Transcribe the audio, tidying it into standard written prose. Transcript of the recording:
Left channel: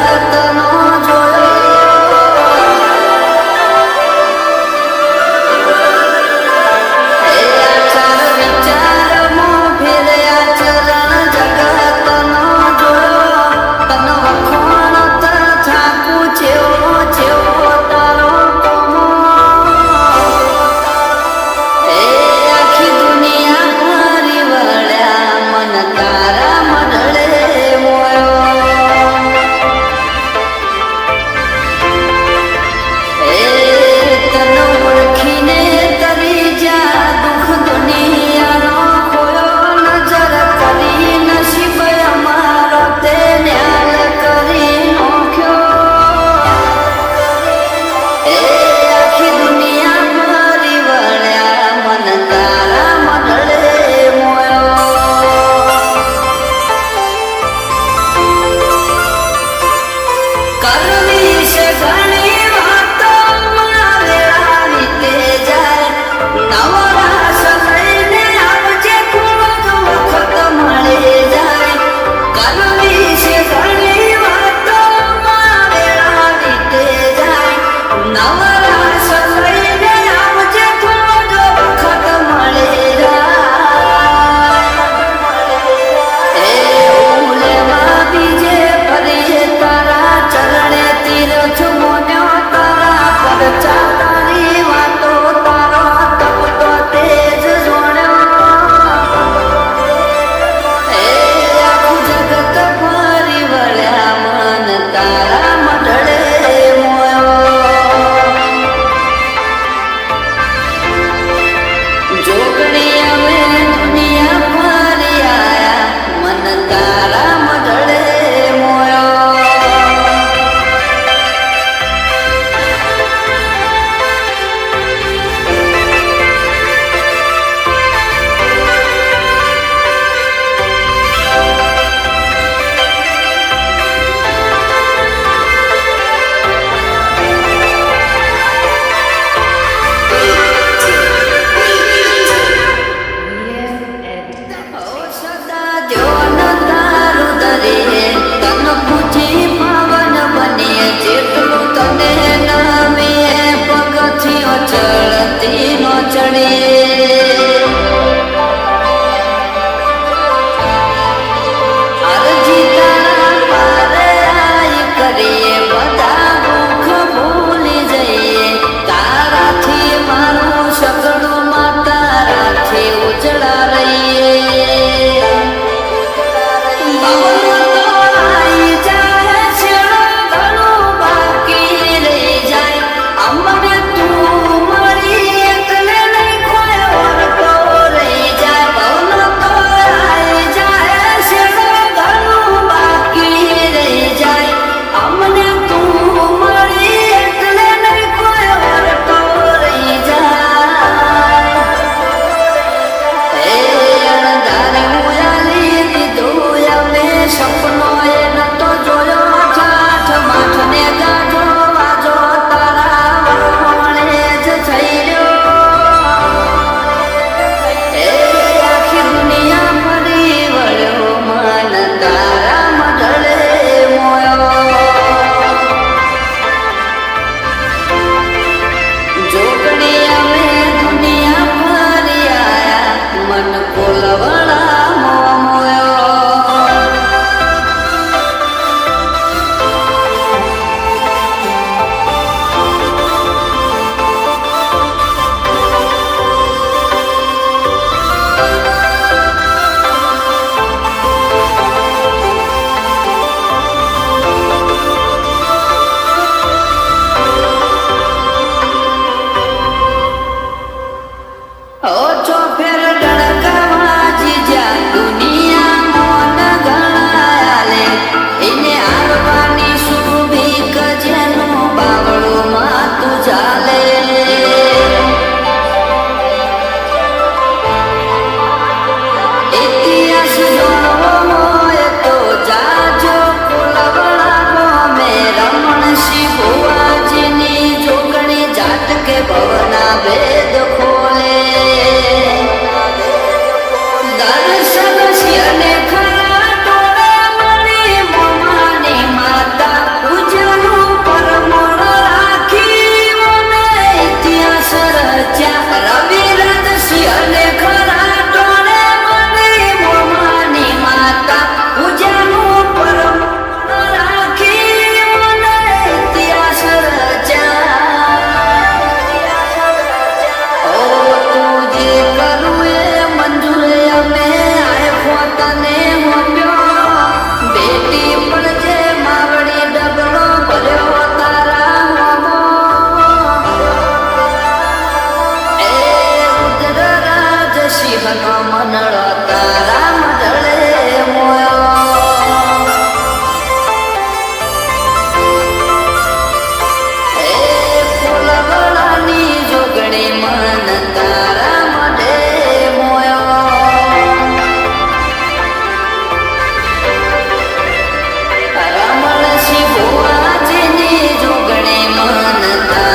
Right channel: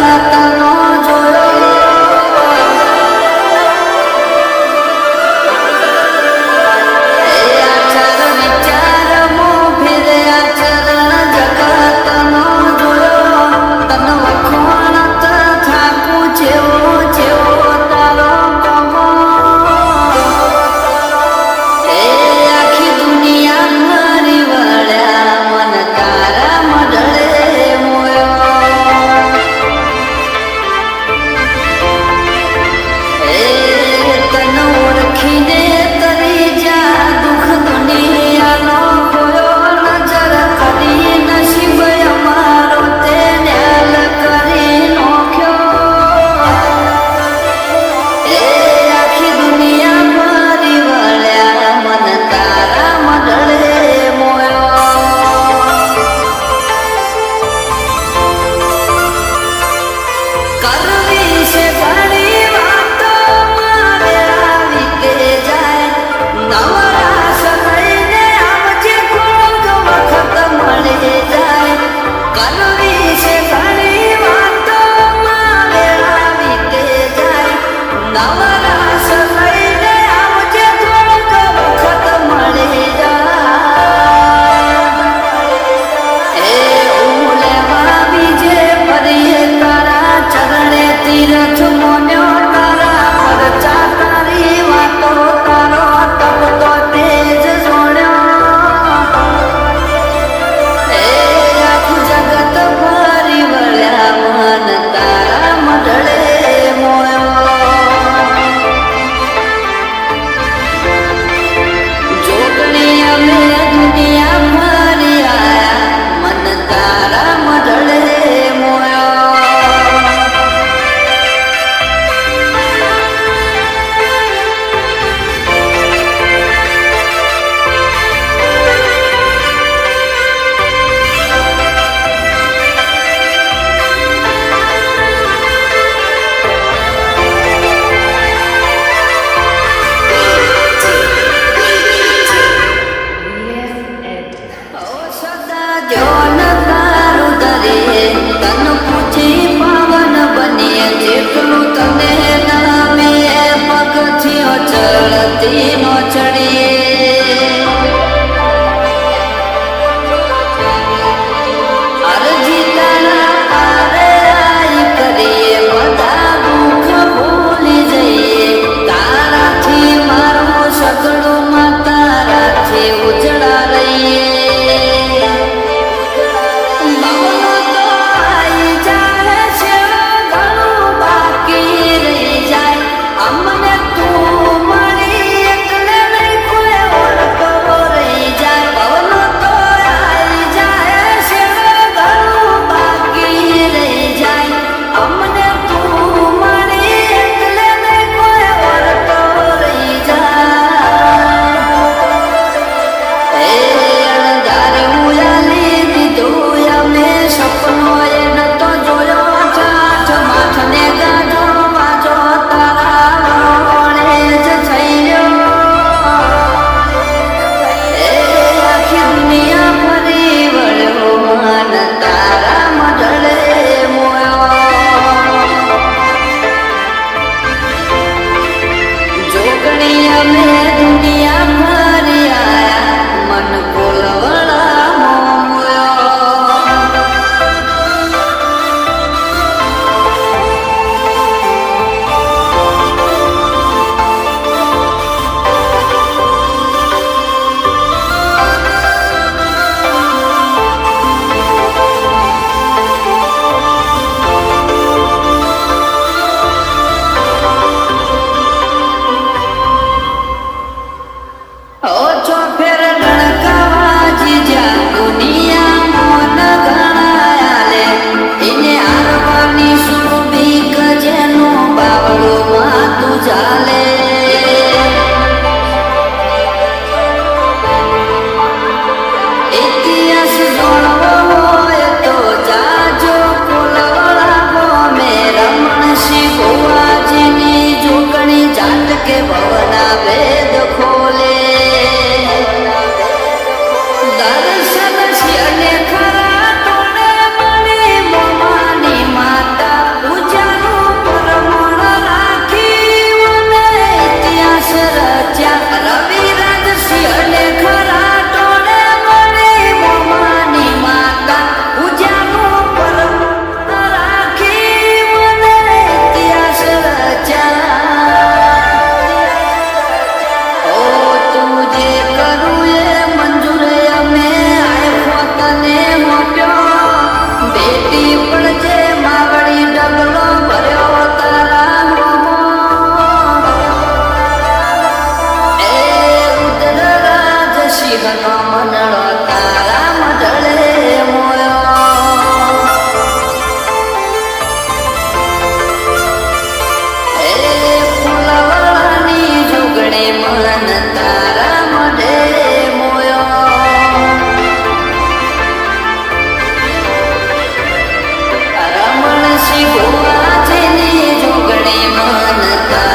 જગતનો જોયો એ આચાર વિચારમાં ફેરે આચરણ જગતનો જોયો તન વખોણત થાકું જેવો જેવો તારો કોમો એ આખી દુનિયા ભરી વળ્યા મન તારા મઢડે કરવી છે ઘણી વાતો વેળા વીતે જાય નવરાશ લઈને આવજે થોડો વખત મળી જાય કરવી છે ઘણી વાતો વેળા વીતે જાય નવરાશ લઈને આવજે થોડો વખત મળી જાય એ લેવા બીજે ફરીએ તારા ચરણે તીરથ મોન્યો તારા પરચા તારી વાતો તારો તપતો તેજ જોડ્યો એ આખું જગત ભરી વળ્યા મન તારા મઢડે મોયો જોગણી અમે દુનિયા ફરી આયા મન તારા મઢડે મોયો તન પૂજી પાવન બનીએ જેટલું તને નમીએ પગથિયો ચડતી નો ચડીએ અરજી તારા પારે આઈ કરીએ બધા દુઃખ ભૂલી જઈએ તારાથી મારું સગડું માં તારાથી ઉજળા રહીએ અમને તું મળી એટલે નહીં કોઈ ઓરતો રહી જાય ભવનો તો આવી જાય શેડો ઘણું બાકી રહી જાય અમને તું મળી એટલે નહીં કોઈ ઓરતો રહી જાય એ અણધારી ઉયાલી દીધું અમે સપનો એ નતો જોયો ઠાઠ માઠ ને ગાજો વાજો તારા તારા મઢડે મોયો જોગણી અમે દુનિયા ફરી આયા મન કોલવડા મોયો ઓછો ફેર રણકાવા જીજા દુનિયા મોન ગણાયાલે એને હારવાની સુભીક જેનું બાવળું માતું ચાલે ઇતિહાસ જાણવો હોય તો જાજો કોલવડા ગોમે રમણસિંહ ભુવાજીની જોગણી જાત કે ભવના વેદ ખોલે દર્શન શિયને ખરા તોડે મળી મોમાની માતા પ્રેમ નતા